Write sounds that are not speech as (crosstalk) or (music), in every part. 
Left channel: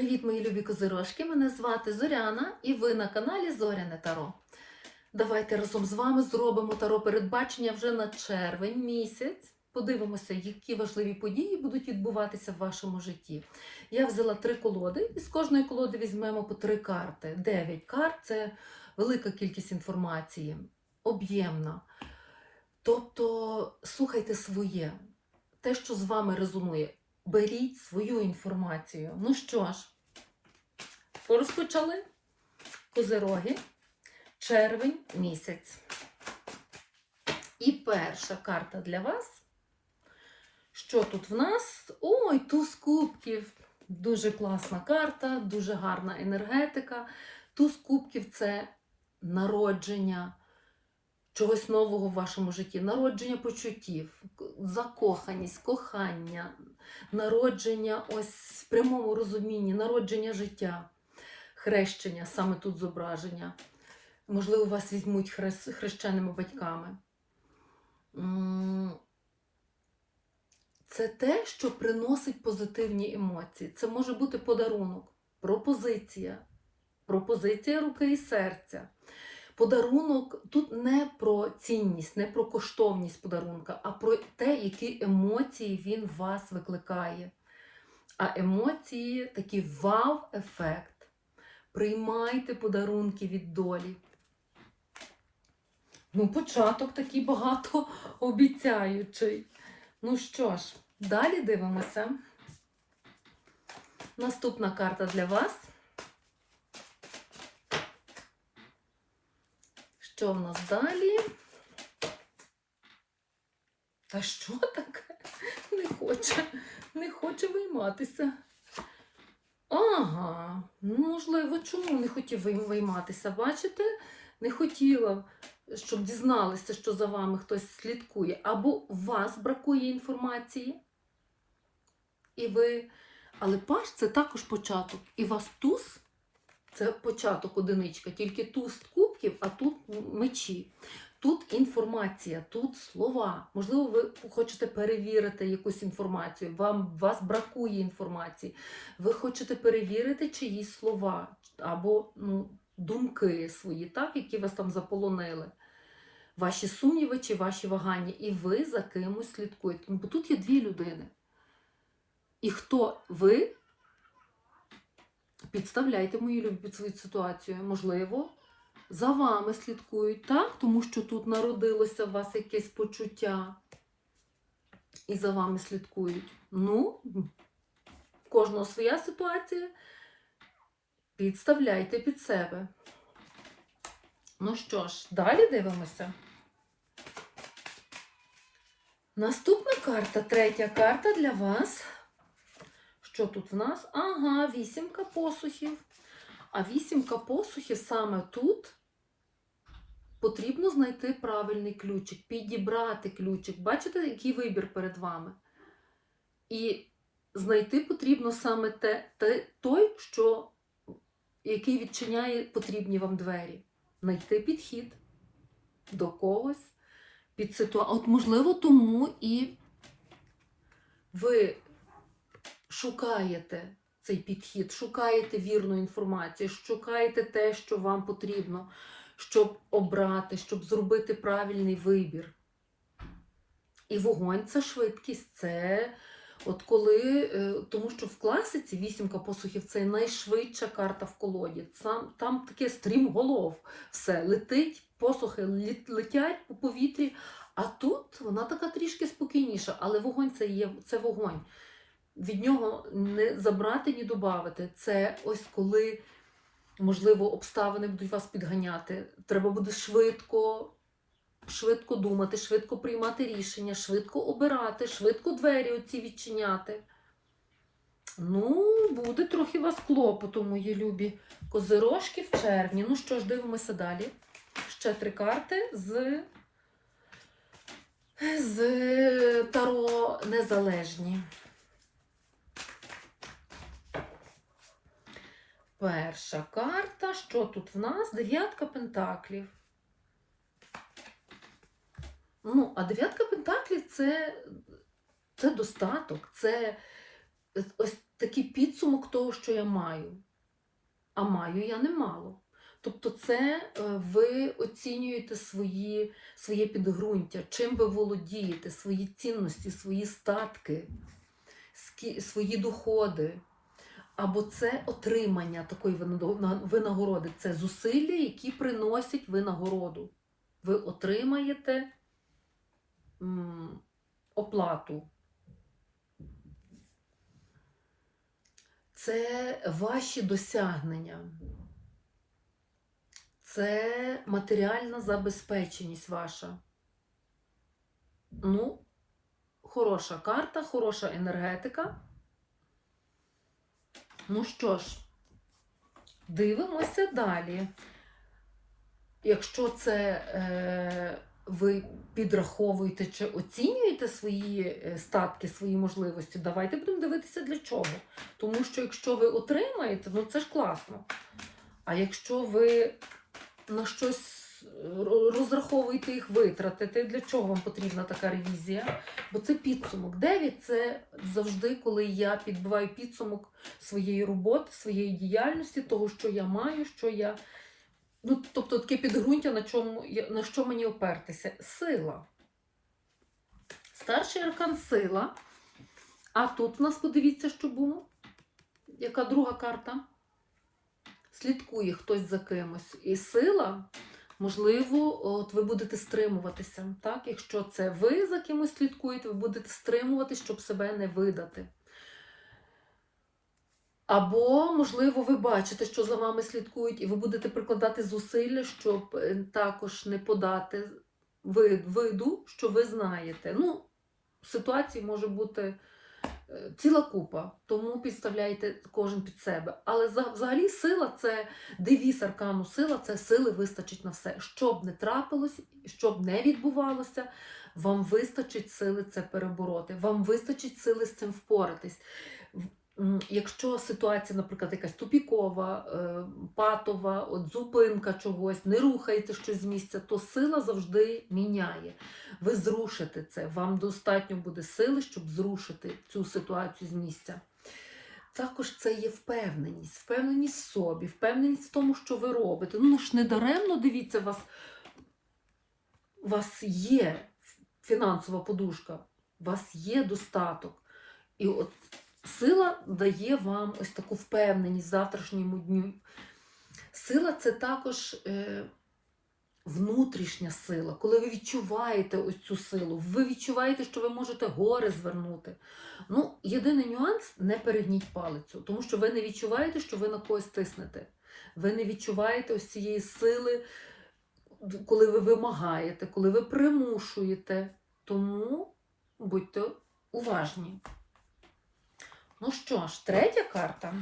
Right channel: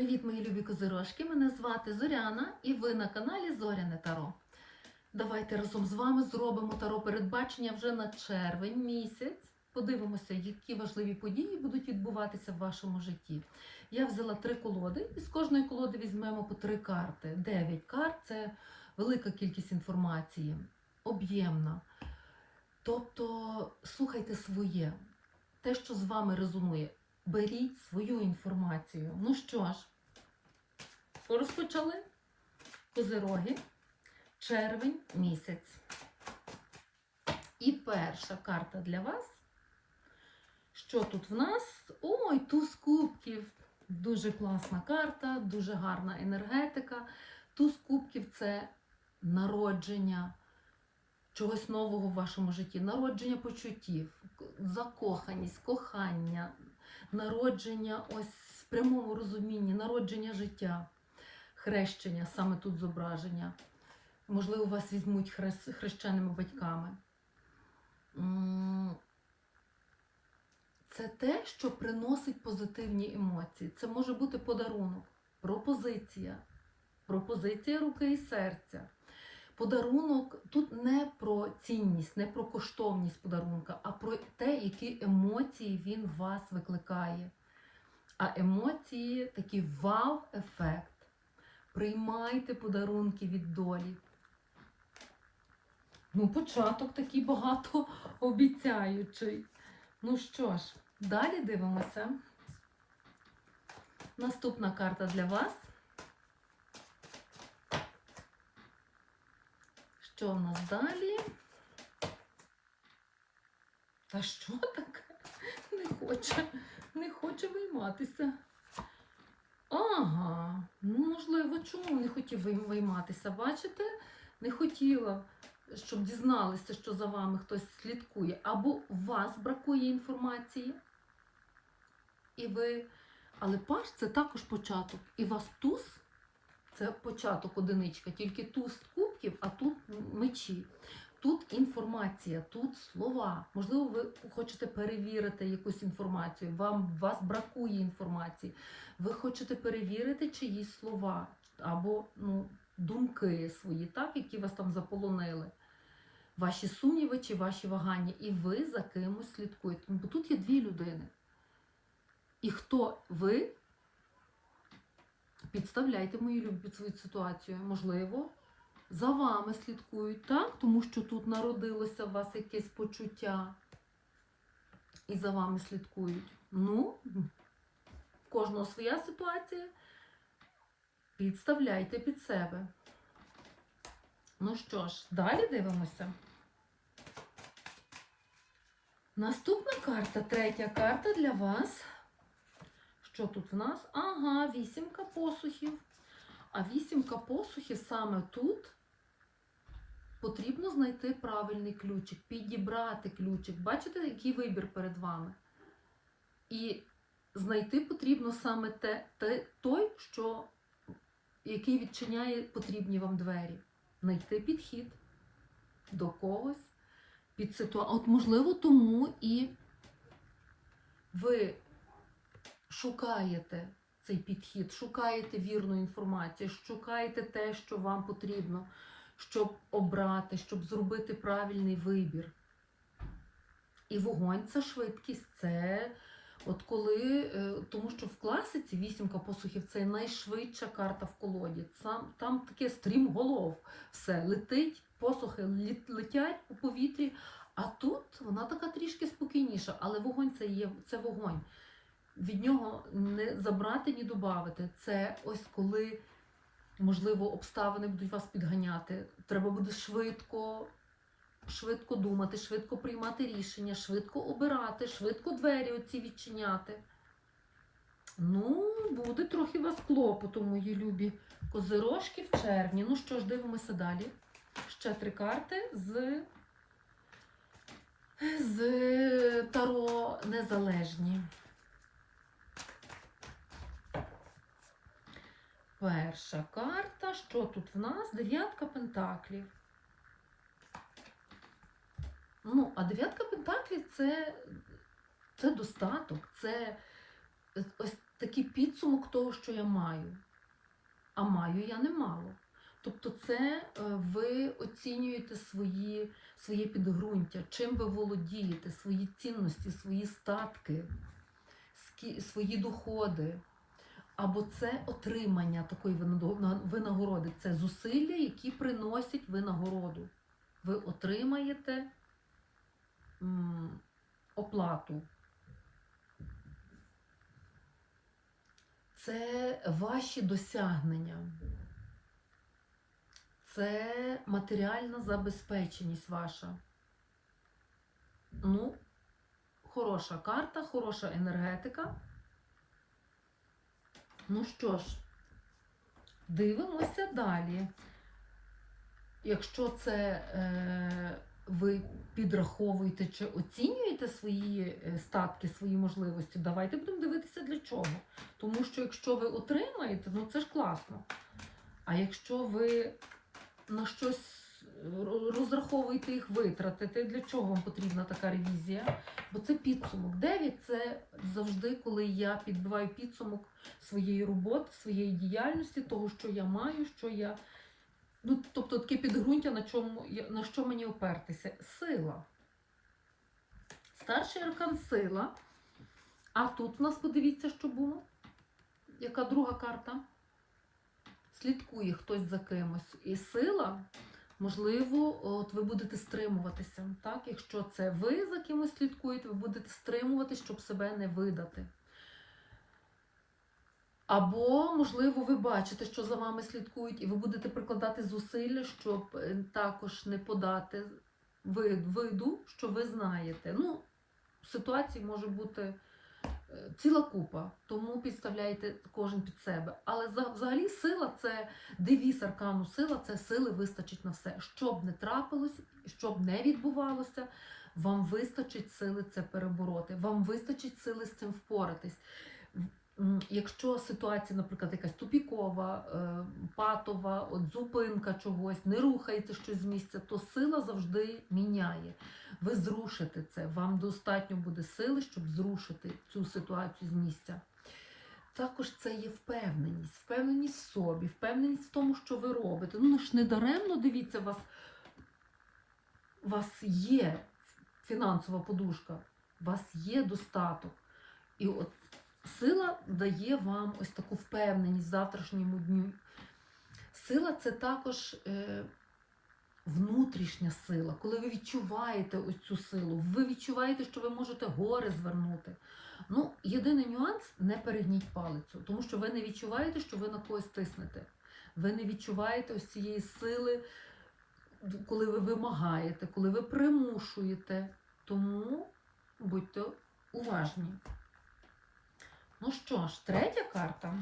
Привіт, мої любі козирожки! Мене звати Зоряна і ви на каналі Зоряне Таро. Давайте разом з вами зробимо таро передбачення вже на червень місяць. Подивимося, які важливі події будуть відбуватися в вашому житті. Я взяла три колоди, і з кожної колоди візьмемо по три карти. Дев'ять карт це велика кількість інформації, об'ємна. Тобто слухайте своє, те, що з вами резонує. Беріть свою інформацію. Ну що ж, розпочали козероги, червень місяць. І перша карта для вас. Що тут в нас? Ой, туз кубків. Дуже класна карта, дуже гарна енергетика. Туз кубків це народження чогось нового в вашому житті, народження почуттів, закоханість, кохання, народження ось в прямому розумінні, народження життя, хрещення, саме тут зображення. Можливо, вас візьмуть хрещеними батьками. Це те, що приносить позитивні емоції. Це може бути подарунок, пропозиція, пропозиція руки і серця. Подарунок тут не про цінність, не про коштовність подарунка, а про те, які емоції він вас викликає. А емоції такий вау-ефект. Приймайте подарунки від долі. Ну, початок такий багато (laughs) обіцяючий. Ну що ж, далі дивимося. Наступна карта для вас. Що в нас далі? Та що таке? Не хоче, не хоче вийматися. Ага, ну, можливо, чому не хотів вийматися? Бачите? Не хотіла, щоб дізналися, що за вами хтось слідкує. Або у вас бракує інформації, і ви. Але паш це також початок. І вас туз це початок одиничка, тільки туз кубків, а тут мечі. Тут інформація, тут слова. Можливо, ви хочете перевірити якусь інформацію, вам вас бракує інформації. Ви хочете перевірити чиїсь слова або ну, думки свої, так, які вас там заполонили. Ваші сумніви чи ваші вагання, і ви за кимось слідкуєте. Бо тут є дві людини. І хто ви, підставляйте мої любі під свою ситуацію. Можливо, за вами слідкують, так? Тому що тут народилося у вас якесь почуття. І за вами слідкують. Ну, в кожного своя ситуація. Підставляйте під себе. Ну що ж, далі дивимося. Наступна карта, третя карта для вас. Що тут в нас? Ага, вісімка посухів. А вісімка посухів саме тут потрібно знайти правильний ключик, підібрати ключик. Бачите, який вибір перед вами? І знайти потрібно саме те, те, той, що, який відчиняє потрібні вам двері. Знайти підхід до когось, під ситуацію. От, можливо, тому і ви шукаєте цей підхід, шукаєте вірну інформацію, шукаєте те, що вам потрібно, щоб обрати, щоб зробити правильний вибір. І вогонь це швидкість, це от коли, е, тому що в класиці вісімка посухів це найшвидша карта в колоді. Сам, там таке стрімголов, все летить, посухи летять у повітрі. А тут вона така трішки спокійніша, але вогонь це є це вогонь. Від нього не забрати, ні додати. Це ось коли, можливо, обставини будуть вас підганяти. Треба буде швидко, швидко думати, швидко приймати рішення, швидко обирати, швидко двері оці відчиняти. Ну, буде трохи вас клопоту, мої любі козирожки в червні. Ну що ж, дивимося далі. Ще три карти з, з Таро Незалежні. Перша карта. Що тут в нас? Дев'ятка пентаклів. Ну, а дев'ятка пентаклів це, це достаток, це ось такий підсумок того, що я маю. А маю я немало. Тобто, це е, ви оцінюєте свої, своє підґрунтя, чим ви володієте, свої цінності, свої статки, свої доходи. Або це отримання такої винагороди. Це зусилля, які приносять винагороду. Ви отримаєте оплату. Це ваші досягнення. Це матеріальна забезпеченість ваша. Ну, хороша карта, хороша енергетика. Ну що ж, дивимося далі. Якщо це е, ви підраховуєте чи оцінюєте свої е, статки, свої можливості, давайте будемо дивитися для чого. Тому що якщо ви отримаєте, ну це ж класно. А якщо ви на щось е, ро- розраховуєте їх витратити, для чого вам потрібна така ревізія? Бо це підсумок. 9 це завжди, коли я підбиваю підсумок своєї роботи, своєї діяльності, того, що я маю, що я. Ну, тобто таке підґрунтя, на, чому, на що мені опертися? Сила. Старший аркан сила. А тут в нас подивіться, що було. Яка друга карта? Слідкує хтось за кимось. І сила, можливо, от ви будете стримуватися. Так? Якщо це ви за кимось слідкуєте, ви будете стримуватись, щоб себе не видати. Або, можливо, ви бачите, що за вами слідкують, і ви будете прикладати зусилля, щоб е, також не подати вид- виду, що ви знаєте. Ну, ситуацій може бути ціла купа, тому підставляєте кожен під себе. Але взагалі сила це девіз аркану сила, це сили вистачить на все. Щоб не трапилось, щоб не відбувалося, вам вистачить сили це перебороти, вам вистачить сили з цим впоратись. Якщо ситуація, наприклад, якась тупікова, е, патова, от зупинка чогось, не рухається щось з місця, то сила завжди міняє. Ви зрушите це. Вам достатньо буде сили, щоб зрушити цю ситуацію з місця. Також це є впевненість, впевненість в собі, впевненість в тому, що ви робите. Ну ж не даремно дивіться, у вас, вас є фінансова подушка, у вас є достаток. І от сила дає вам ось таку впевненість в завтрашньому дню. Сила це також е, внутрішня сила, коли ви відчуваєте ось цю силу, ви відчуваєте, що ви можете гори звернути. Ну, єдиний нюанс не перегніть палицю, тому що ви не відчуваєте, що ви на когось тиснете. Ви не відчуваєте ось цієї сили, коли ви вимагаєте, коли ви примушуєте. Тому будьте уважні. Ну що ж, третя карта.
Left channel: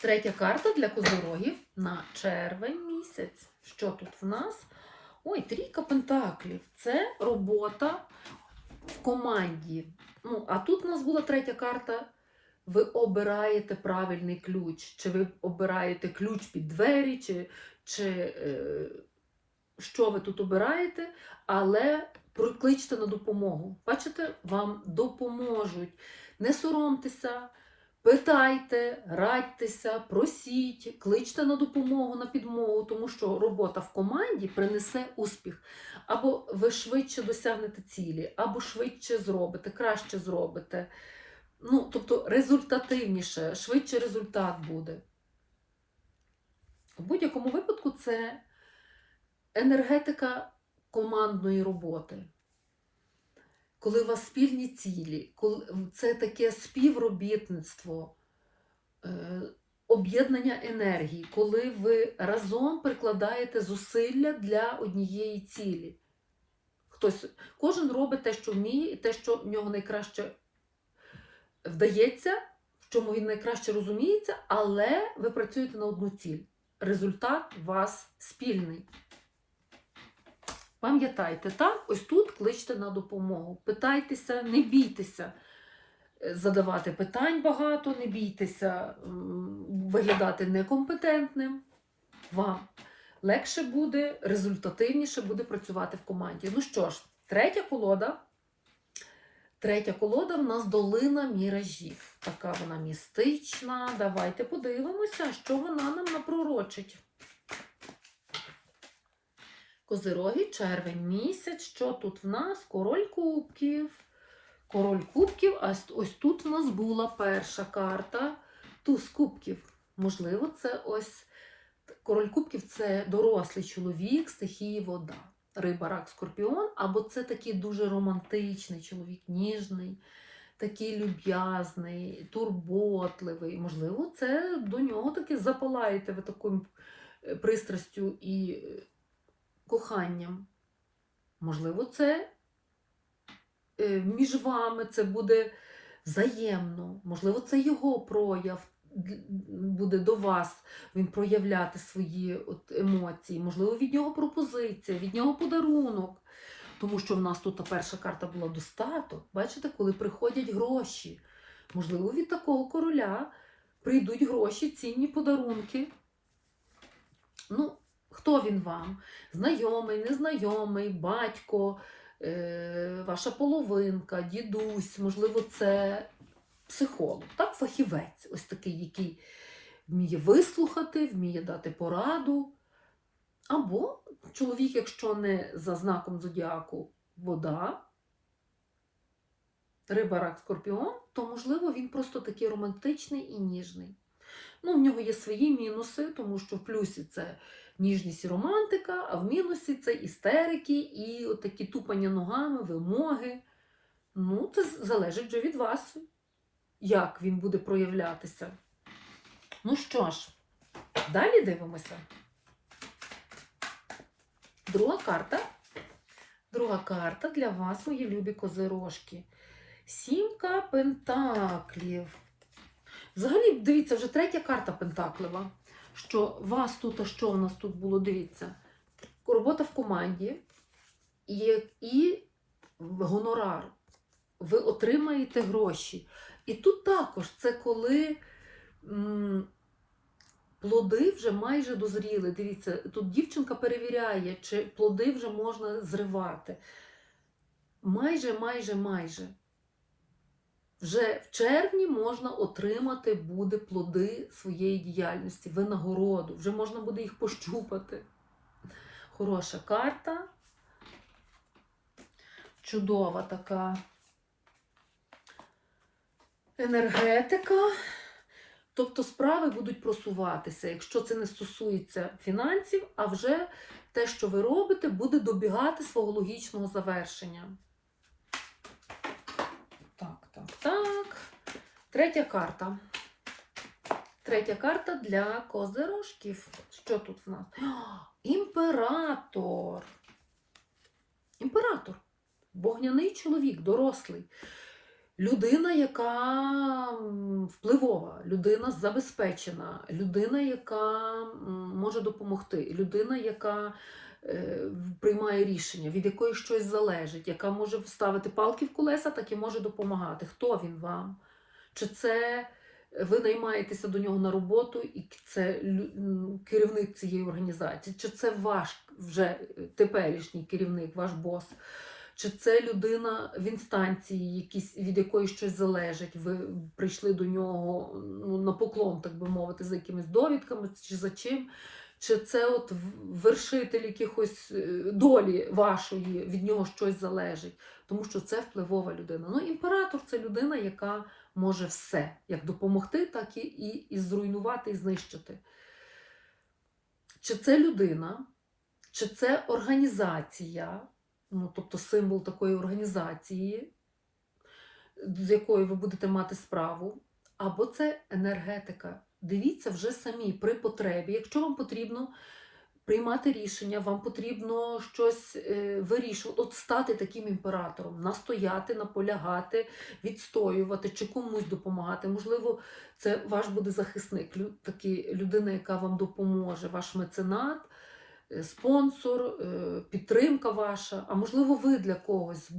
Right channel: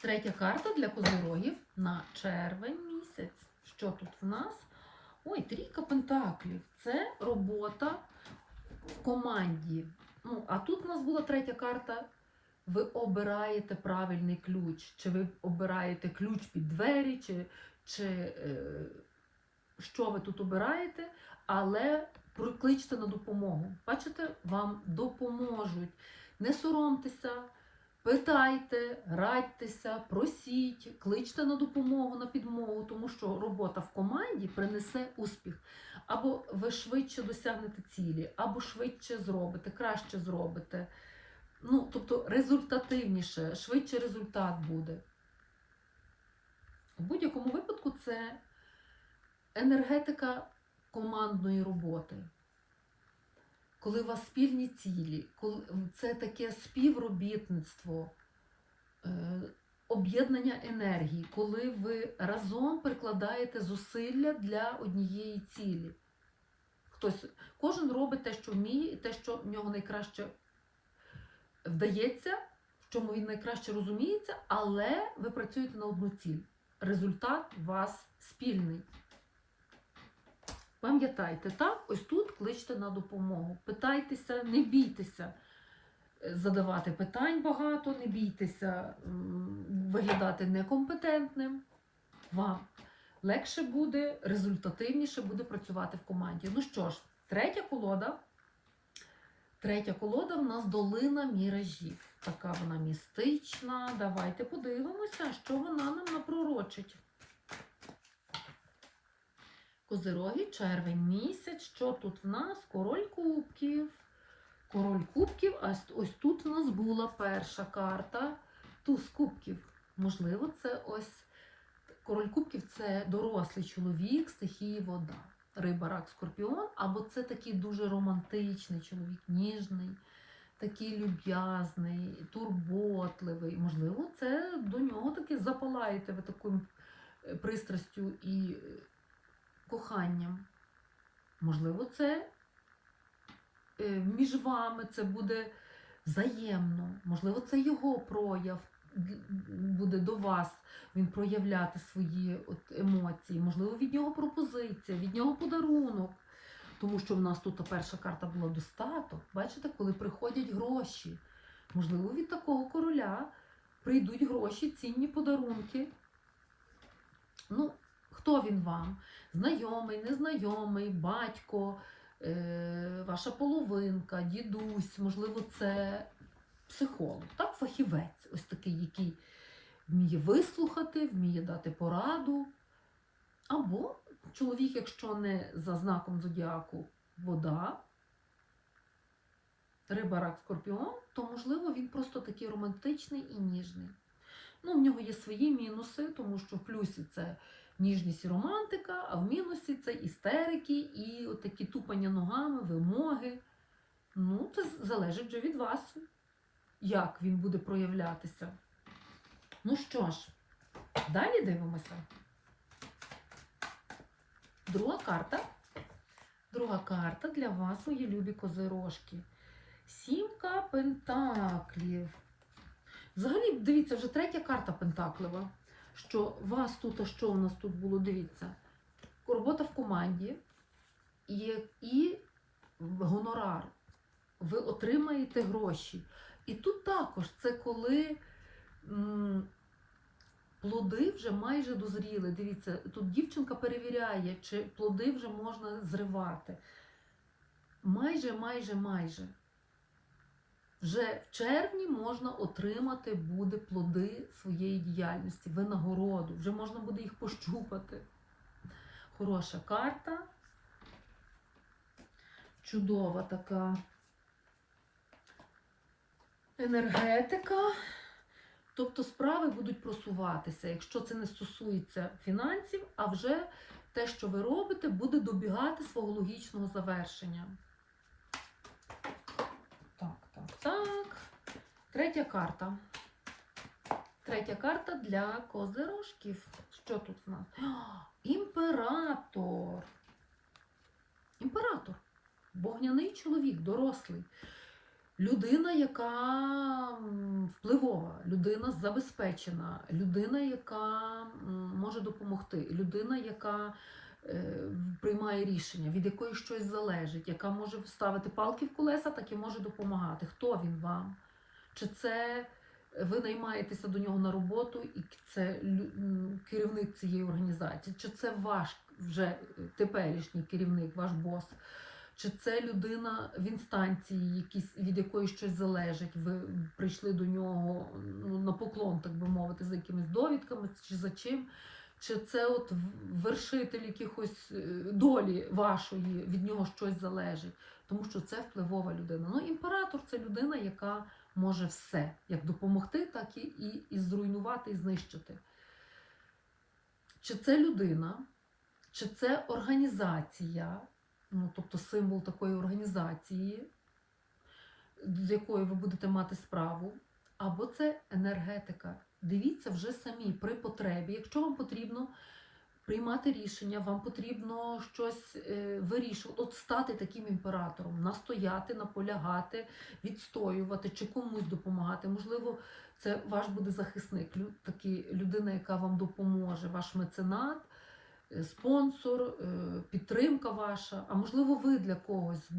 Третя карта для козорогів на червень місяць. Що тут в нас? Ой, трійка пентаклів. Це робота в команді. Ну, а тут у нас була третя карта. Ви обираєте правильний ключ. Чи ви обираєте ключ під двері, чи, чи е, що ви тут обираєте, але прокличте на допомогу. Бачите, вам допоможуть. Не соромтеся, питайте, радьтеся, просіть, кличте на допомогу, на підмогу, тому що робота в команді принесе успіх. Або ви швидше досягнете цілі, або швидше зробите, краще зробите. Ну, тобто результативніше, швидше результат буде. В будь-якому випадку це енергетика командної роботи. Коли у вас спільні цілі, коли це таке співробітництво, е, об'єднання енергії, коли ви разом прикладаєте зусилля для однієї цілі. Хтось, кожен робить те, що вміє, і те, що в нього найкраще вдається, в чому він найкраще розуміється, але ви працюєте на одну ціль. Результат у вас спільний. Пам'ятайте, так, ось тут кличте на допомогу. Питайтеся, не бійтеся задавати питань багато, не бійтеся виглядати некомпетентним. Вам легше буде, результативніше буде працювати в команді. Ну що ж, третя колода. Третя колода в нас долина міражів. Така вона містична. Давайте подивимося, що вона нам напророчить. Козироги, червень місяць. Що тут в нас? Король кубків. Король кубків, а ось- ось тут в нас була перша карта туз кубків. Можливо, це ось король кубків це дорослий чоловік, стихії вода. Риба, рак, скорпіон, або це такий дуже романтичний чоловік, ніжний, такий люб'язний, турботливий. Можливо, це до нього таки запалаєте ви такою е, пристрастю і е, коханням. Можливо, це е, між вами це буде взаємно. Можливо, це його прояв буде до вас він проявляти свої от емоції. Можливо, від нього пропозиція, від нього подарунок. Тому що в нас тут перша карта була достаток. Бачите, коли приходять гроші. Можливо, від такого короля прийдуть гроші, цінні подарунки. Ну, хто він вам? Знайомий, незнайомий, батько, е, ваша половинка, дідусь, можливо, це психолог, так, фахівець, ось такий, який вміє вислухати, вміє дати пораду. Або чоловік, якщо не за знаком зодіаку вода, риба, рак, скорпіон, то, можливо, він просто такий романтичний і ніжний. Ну, в нього є свої мінуси, тому що в плюсі це ніжність і романтика, а в мінусі це істерики і от такі тупання ногами, вимоги. Ну, це залежить вже від вас, як він буде проявлятися. Ну що ж, далі дивимося. Друга карта. Друга карта для вас, мої любі козирожки. Сімка пентаклів. Взагалі, дивіться, вже третя карта пентаклева. Що вас тут, а що у нас тут було? Дивіться. Робота в команді і, і гонорар. Ви отримаєте гроші. І тут також це коли м, плоди вже майже дозріли. Дивіться, тут дівчинка перевіряє, чи плоди вже можна зривати. Майже, майже, майже. Вже в червні можна отримати буде плоди своєї діяльності, винагороду. Вже можна буде їх пощупати. Хороша карта. Чудова така енергетика. Тобто справи будуть просуватися, якщо це не стосується фінансів, а вже те, що ви робите, буде добігати свого логічного завершення. Так, так, так. Третя карта. Третя карта для козирожків. Що тут в нас? Імператор. Імператор. Вогняний чоловік, дорослий. Людина, яка впливова, людина забезпечена, людина, яка може допомогти, людина, яка е, приймає рішення, від якої щось залежить, яка може вставити палки в колеса, так і може допомагати. Хто він вам? Чи це ви наймаєтеся до нього на роботу, і це керівник цієї організації? Чи це ваш вже теперішній керівник, ваш бос? Чи це людина в інстанції, якісь, від якої щось залежить? Ви прийшли до нього ну, на поклон, так би мовити, за якимись довідками чи за чим? Чи це от вершитель якихось е, долі вашої, від нього щось залежить? Тому що це впливова людина. Ну, імператор це людина, яка може все, як допомогти, так і, і, і зруйнувати, і знищити. Чи це людина, чи це організація, ну, тобто символ такої організації, з якою ви будете мати справу, або це енергетика. Дивіться вже самі при потребі. Якщо вам потрібно приймати рішення, вам потрібно щось е, вирішувати, от стати таким імператором, настояти, наполягати, відстоювати чи комусь допомагати. Можливо, це ваш буде захисник, такі людина, яка вам допоможе, ваш меценат е, спонсор, е, підтримка ваша, а можливо, ви для когось,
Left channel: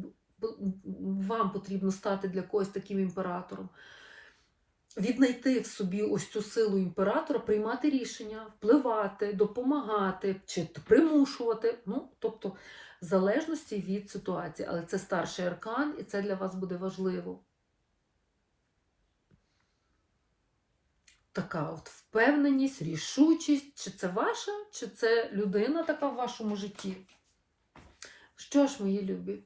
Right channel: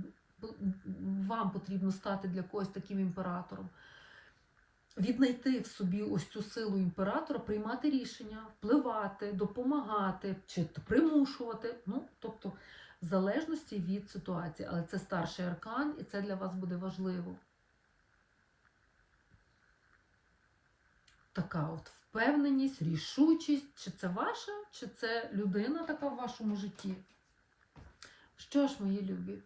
вам потрібно стати для когось таким імператором. Віднайти в собі ось цю силу імператора, приймати рішення, впливати, допомагати чи примушувати. Ну, тобто в залежності від ситуації. Але це старший аркан, і це для вас буде важливо. Така от впевненість, рішучість, чи це ваша, чи це людина така в вашому житті. Що ж, мої любі,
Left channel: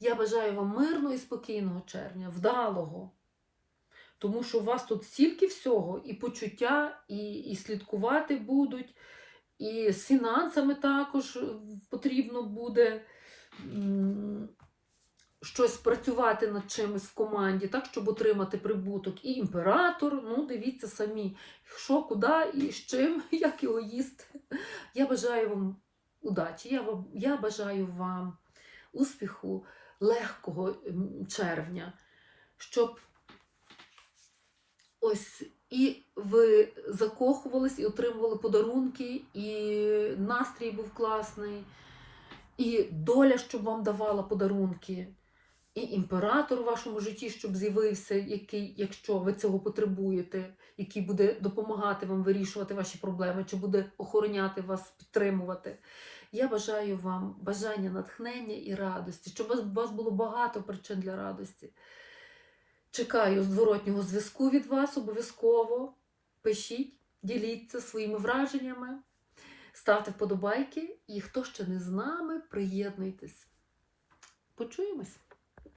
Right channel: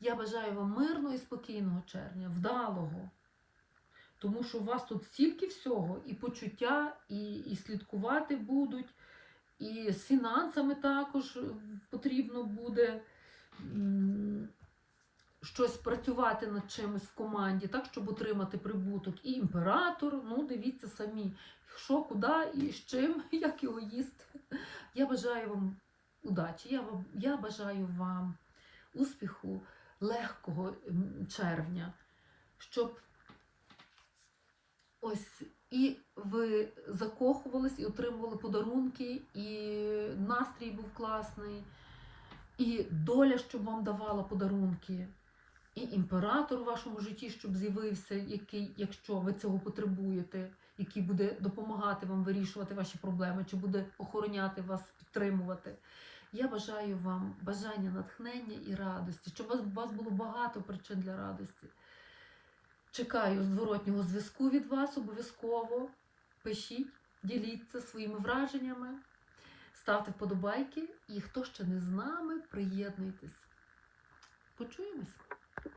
я бажаю вам мирного і спокійного червня, вдалого. Тому що у вас тут стільки всього, і почуття, і, і слідкувати будуть, і з фінансами також е, потрібно буде щось працювати над чимось в команді, так, щоб отримати прибуток. І імператор, ну дивіться самі, що, куди і з чим, (laughs) як його їсти. Я бажаю вам удачі, я, вам, я бажаю вам успіху, легкого червня, щоб ось і ви закохувались, і отримували подарунки, і настрій був класний, і доля, щоб вам давала подарунки, і імператор у вашому житті, щоб з'явився, який, якщо ви цього потребуєте, який буде допомагати вам вирішувати ваші проблеми, чи буде охороняти вас, підтримувати. Я бажаю вам бажання натхнення і радості, щоб у вас було багато причин для радості. Чекаю зворотнього зв'язку від вас обов'язково. Пишіть, діліться своїми враженнями, ставте вподобайки. І хто ще не з нами, приєднуйтесь. Почуємось!